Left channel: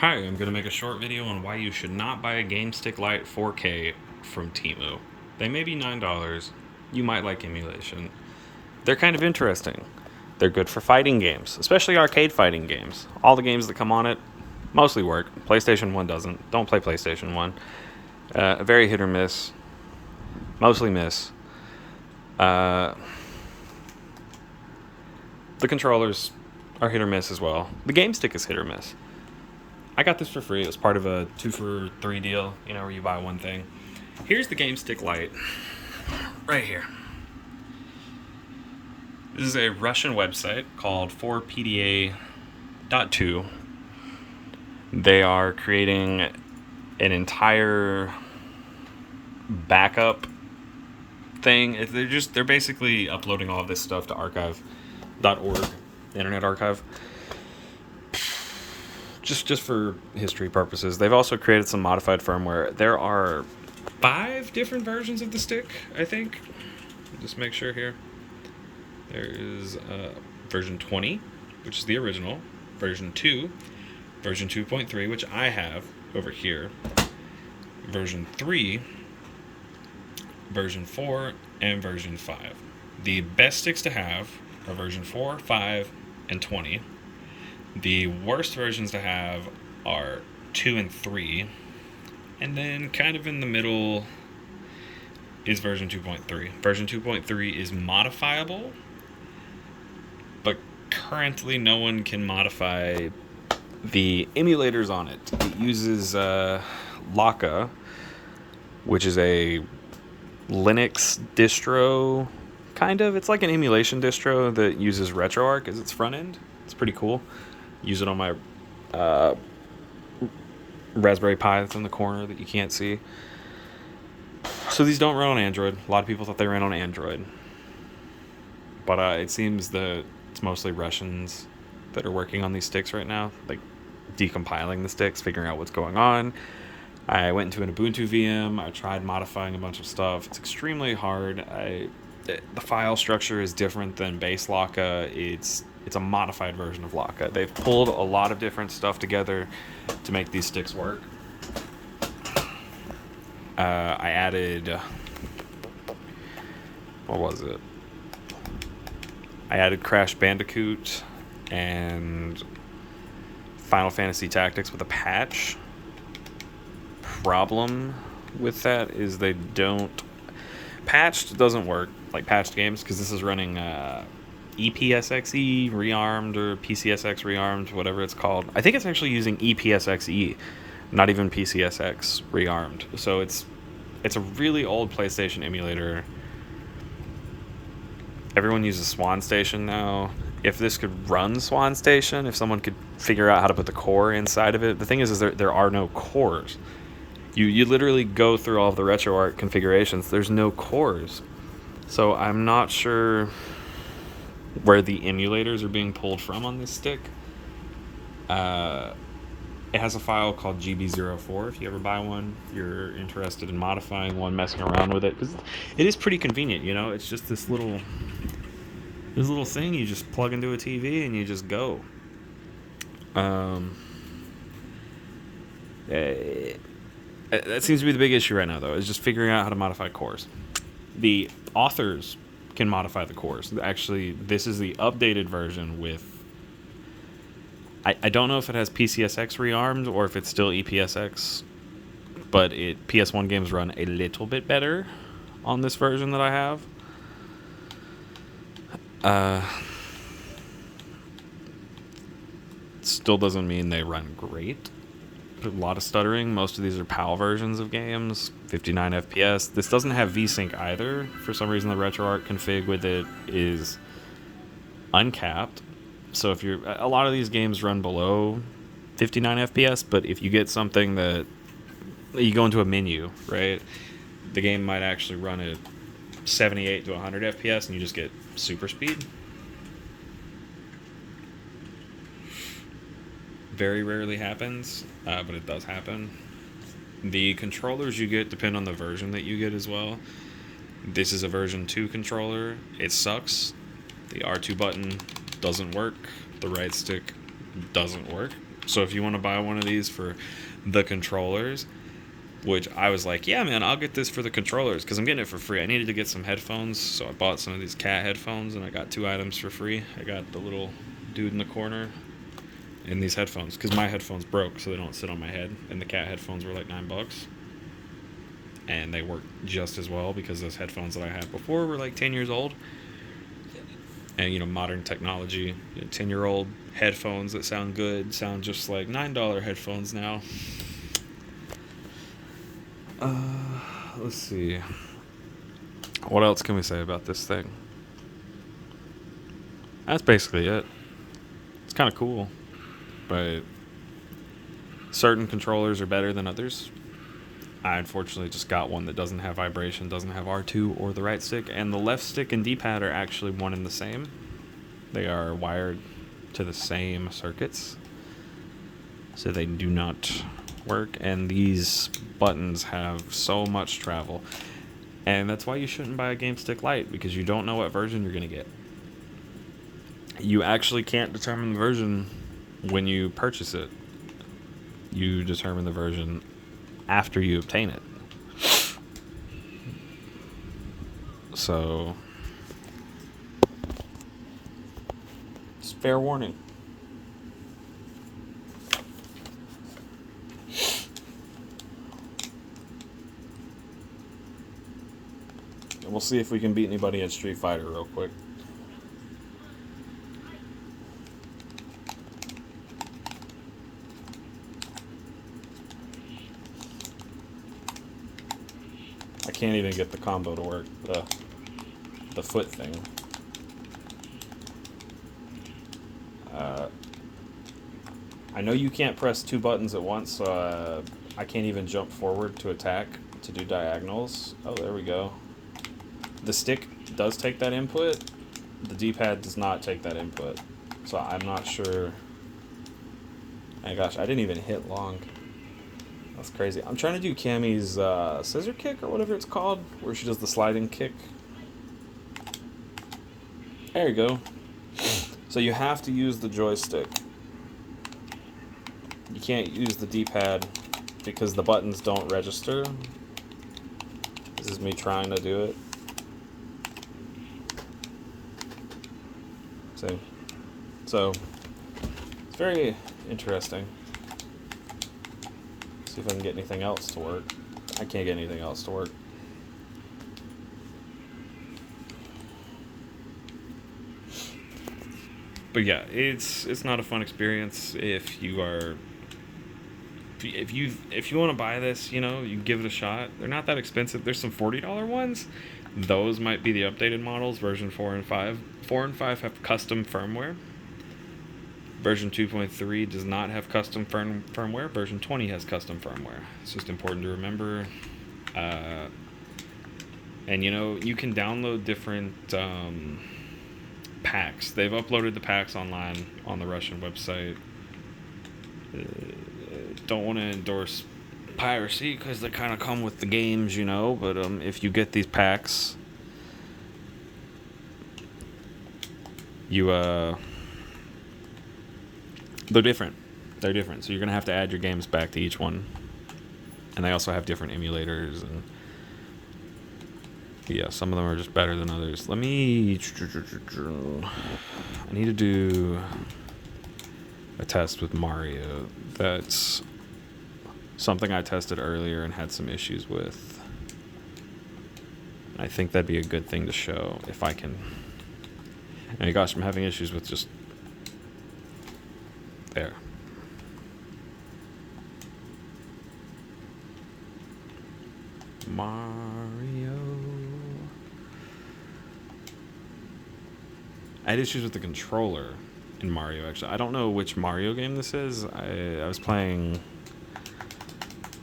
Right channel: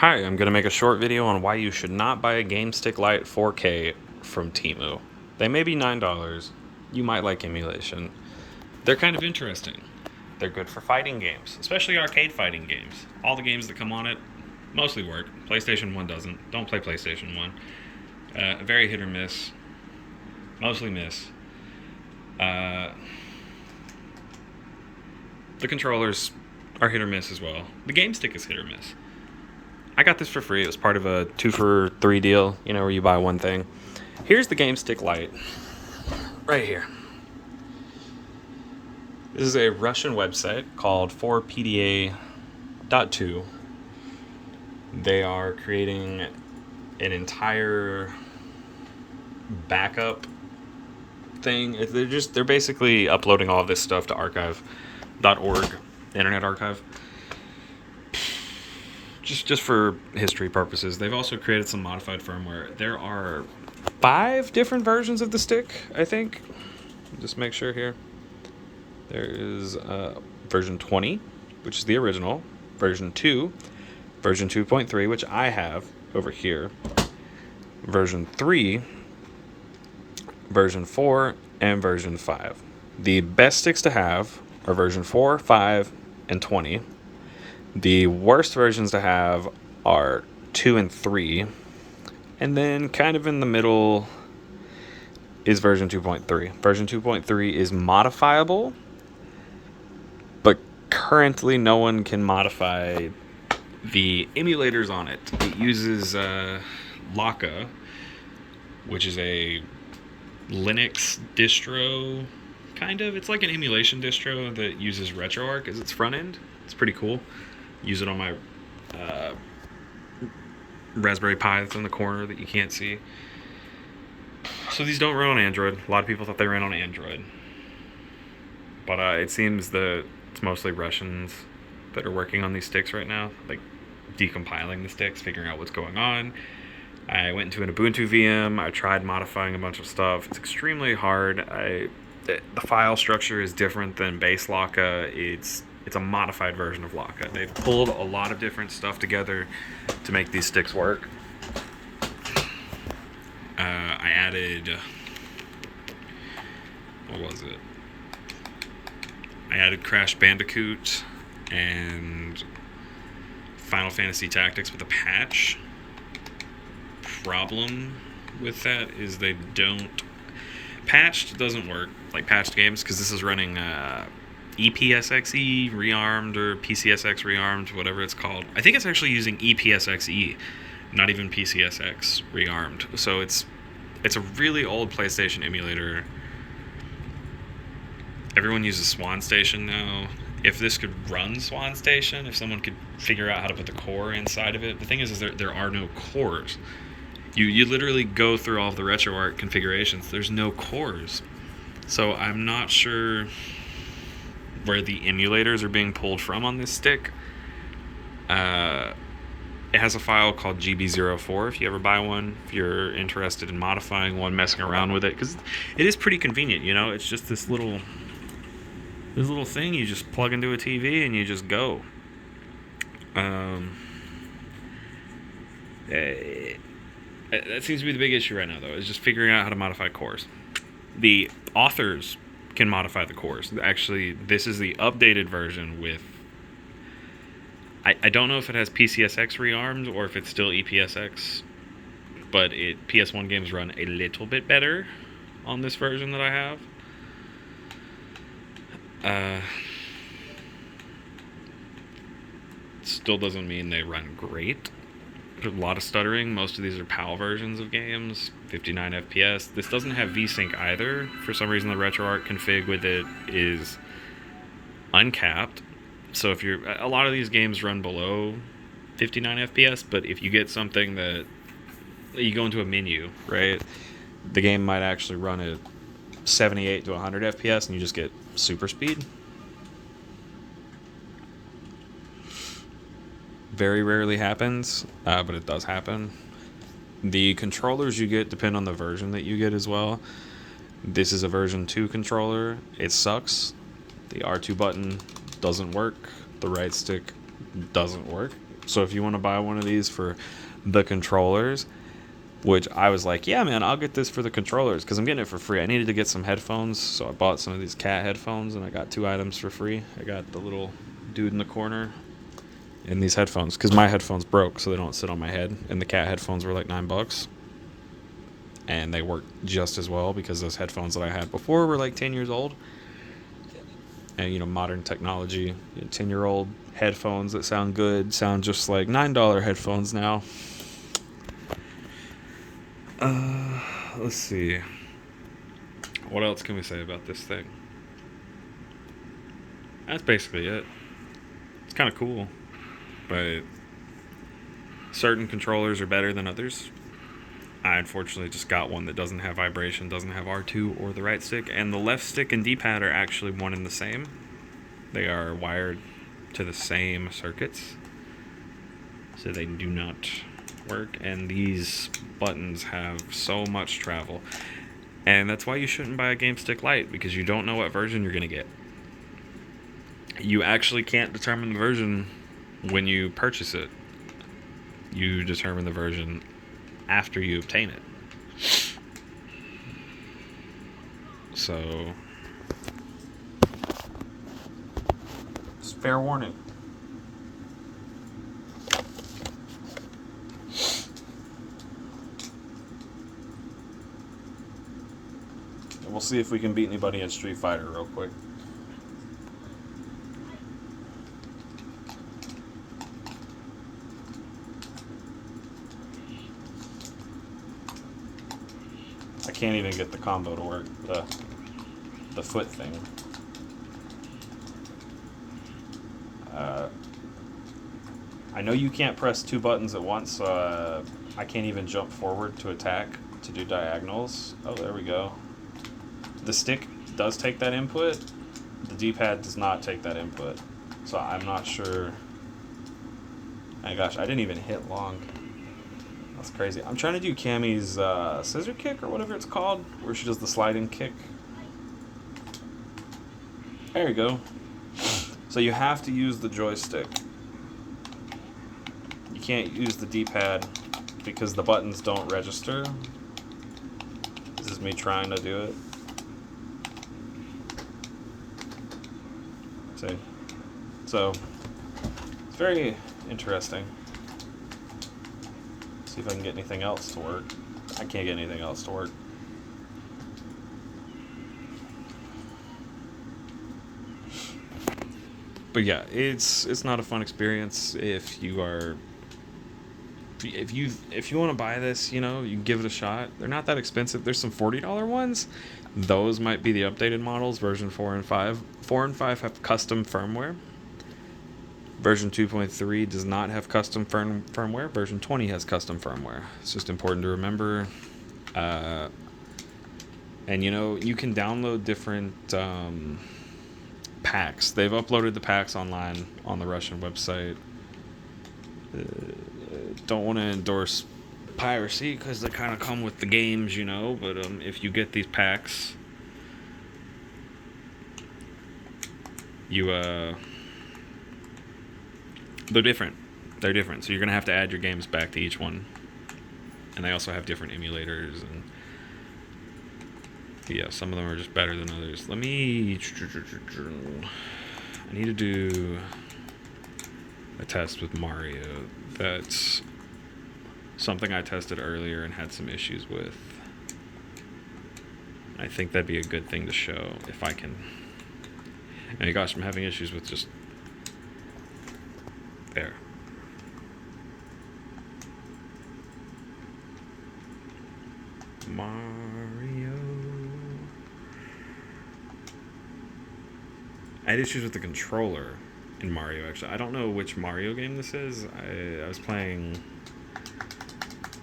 Hi, I'm going to make a short video on why you should not buy a Gamestick Lite 4K from Temu. They may be $9. You might like emulation. They're kind of interesting. They're good for fighting games, especially arcade fighting games. All the games that come on it mostly work. PlayStation 1 doesn't. Don't play PlayStation 1. Very hit or miss. Mostly miss. The controllers are hit or miss as well. The game stick is hit or miss. I got this for free. It was part of a 2-for-3 deal, where you buy one thing. Here's the Gamestick Lite. Right here. This is a Russian website called 4PDA.2. They are creating an entire backup thing. They're basically uploading all of this stuff to archive.org, Internet Archive. Just for history purposes. They've also created some modified firmware. There are 5 different versions of the stick, I think. Just make sure here. There is version 20, which is the original, version 2, version 2.3, which I have over here, version 3, version 4, and version 5. The best sticks to have are version 4, 5, and 20. The worst versions to have are 2 and 3. And then kind of in the middle is version 2.3. Version 2.3 is modifiable, but currently no one can modify the emulators on it. It uses Laka, which is a Linux distro, kind of. It's like an emulation distro that uses RetroArch as its front end. It's pretty cool. Use it on my Raspberry Pi that's in the corner that you can't see. So these don't run on Android. A lot of people thought they ran on Android. But it seems that it's mostly Russians that are working on these sticks right now, like decompiling the sticks, figuring out what's going on. I went into an Ubuntu VM. I tried modifying a bunch of stuff. It's extremely hard. The file structure is different than base Laka. It's a modified version of Laka. They've pulled a lot of different stuff together to make these sticks work. I added... what was it? I added Crash Bandicoot and Final Fantasy Tactics with a patch. Problem with that is they don't... Patched doesn't work, like patched games, because this is running... EPSXE rearmed or PCSX rearmed, whatever it's called. I think it's actually using EPSXE, not even PCSX rearmed. So it's a really old PlayStation emulator. Everyone uses Swan Station now. If this could run Swan Station, if someone could figure out how to put the core inside of it. The thing is there are no cores. You literally go through all of the RetroArch configurations. There's no cores. So I'm not sure where the emulators are being pulled from on this stick. It has a file called GB04 if you ever buy one, if you're interested in modifying one, messing around with it, because it is pretty convenient. It's just this little thing you just plug into a TV and you just go. That seems to be the big issue right now, though, is just figuring out how to modify cores. The authors can modify the cores. Actually, this is the updated version with... I don't know if it has PCSX rearmed or if it's still EPSX, but PS1 games run a little bit better on this version that I have. Still doesn't mean they run great. There's a lot of stuttering. Most of these are PAL versions of games, 59 FPS. This doesn't have VSync either. For some reason, the RetroArch config with it is uncapped. So if a lot of these games run below 59 FPS, but if you get something that you go into a menu, right, the game might actually run at 78 to 100 FPS, and you just get super speed. Very rarely happens, but it does happen. The controllers you get depend on the version that you get as well. This is a version 2 controller. It sucks. The R2 button doesn't work. The right stick doesn't work. So if you want to buy one of these for the controllers, which I was like, yeah, man, I'll get this for the controllers because I'm getting it for free. I needed to get some headphones, so I bought some of these cat headphones, and I got 2 items for free. I got the little dude in the corner and these headphones because my headphones broke, so they don't sit on my head, and the cat headphones were like $9, and they work just as well because those headphones that I had before were like 10 years old. And, you know, modern technology, 10-year-old headphones that sound good sound just like $9 headphones now. Let's see. What else can we say about this thing? That's basically it. It's kind of cool, but certain controllers are better than others. I unfortunately just got one that doesn't have vibration, doesn't have R2 or the right stick, and the left stick and D-pad are actually one and the same. They are wired to the same circuits, so they do not work, and these buttons have so much travel. And that's why you shouldn't buy a Gamestick Lite, because you don't know what version you're going to get. You actually can't determine the version when you purchase it. You determine the version after you obtain it. So, it's fair warning. And we'll see if we can beat anybody at Street Fighter real quick. I can't even get the combo to work, the foot thing. I know you can't press 2 buttons at once, so I can't even jump forward to attack to do diagonals. Oh, there we go. The stick does take that input. The D-pad does not take that input. So I'm not sure. My gosh, I didn't even hit long. That's crazy. I'm trying to do Cammy's scissor kick or whatever it's called, where she does the sliding kick. There you go. So you have to use the joystick. You can't use the D-pad because the buttons don't register. This is me trying to do it. See? So, it's very interesting. See if I can get anything else to work. I can't get anything else to work. But yeah, it's not a fun experience if you are if you want to buy this, you know, you give it a shot. They're not that expensive. There's some $40 ones. Those might be the updated models, version 4 and 5. 4 and 5 have custom firmware. Version 2.3 does not have custom firmware. Version 20 has custom firmware. It's just important to remember. And you know, you can download different packs. They've uploaded the packs online on the Russian website. Don't want to endorse piracy because they kind of come with the games, you know, but if you get these packs, you they're different. So you're gonna have to add your games back to each one, and they also have different emulators, and yeah, some of them are just better than others. I need to do a test with Mario. That's something I tested earlier and had some issues with. I think that'd be a good thing to show if I can. And gosh, I'm having issues with just there. Mario. I had issues with the controller in Mario, actually. I don't know which Mario game this is. I was playing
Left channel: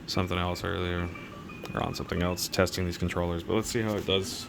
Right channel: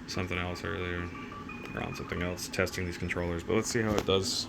something else earlier, or on something else, testing these controllers, but let's see how it does.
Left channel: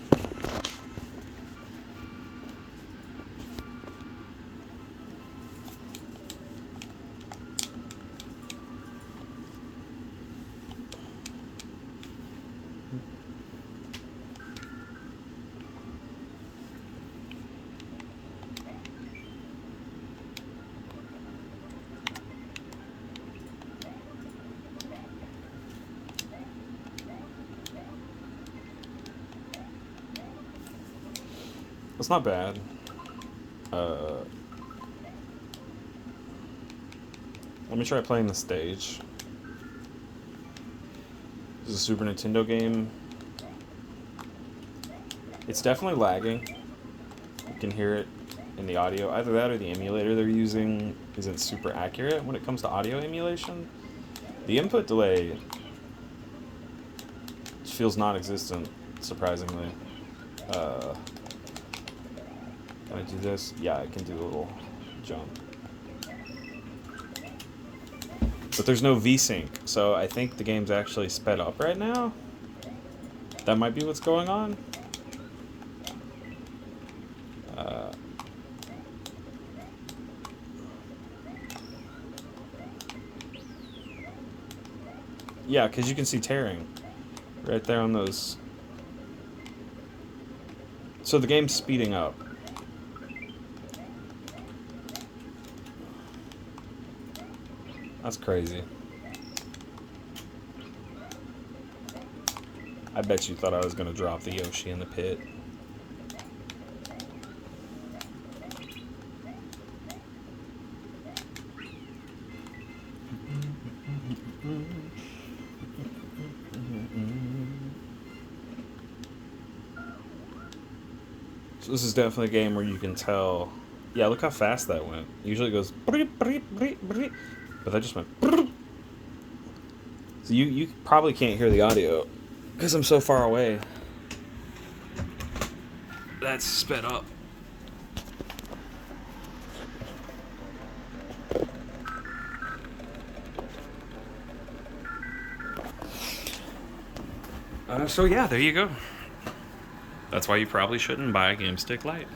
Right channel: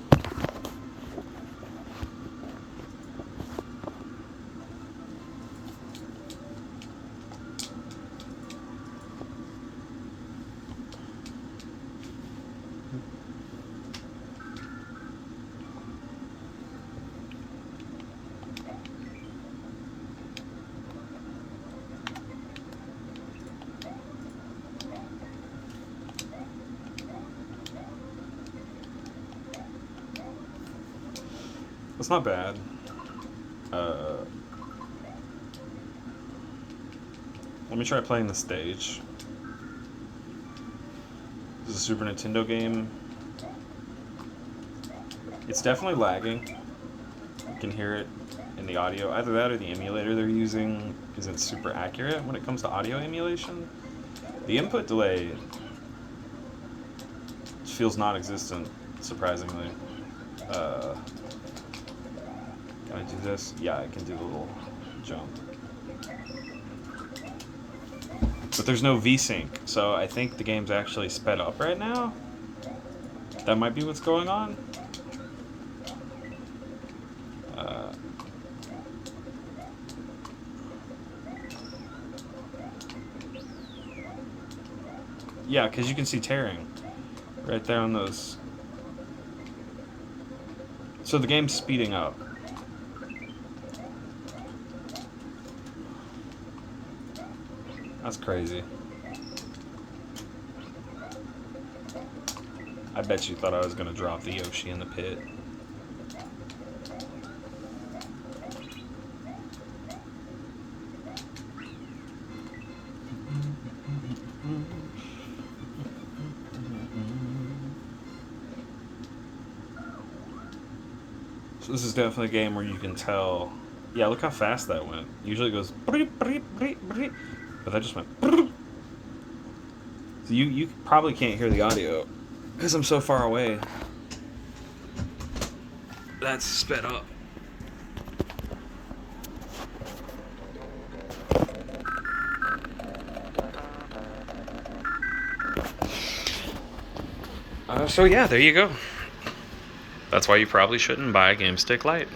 it's not bad. Let me try playing the stage. This is a Super Nintendo game. It's definitely lagging. You can hear it in the audio. Either that or the emulator they're using isn't super accurate when it comes to audio emulation. The input delay feels non-existent, surprisingly. Can I do this? Yeah, I can do a little jump. But there's no VSync, so I think the game's actually sped up right now. That might be what's going on. Yeah, because you can see tearing right there on those. So the game's speeding up. That's crazy. I bet you thought I was going to drop the Yoshi in the pit. So this is definitely a game where you can tell. Yeah, look how fast that went. Usually it goes, but that just went. So you probably can't hear the audio because I'm so far away. That's sped up. So yeah, there you go. That's why you probably shouldn't buy a Gamestick Lite.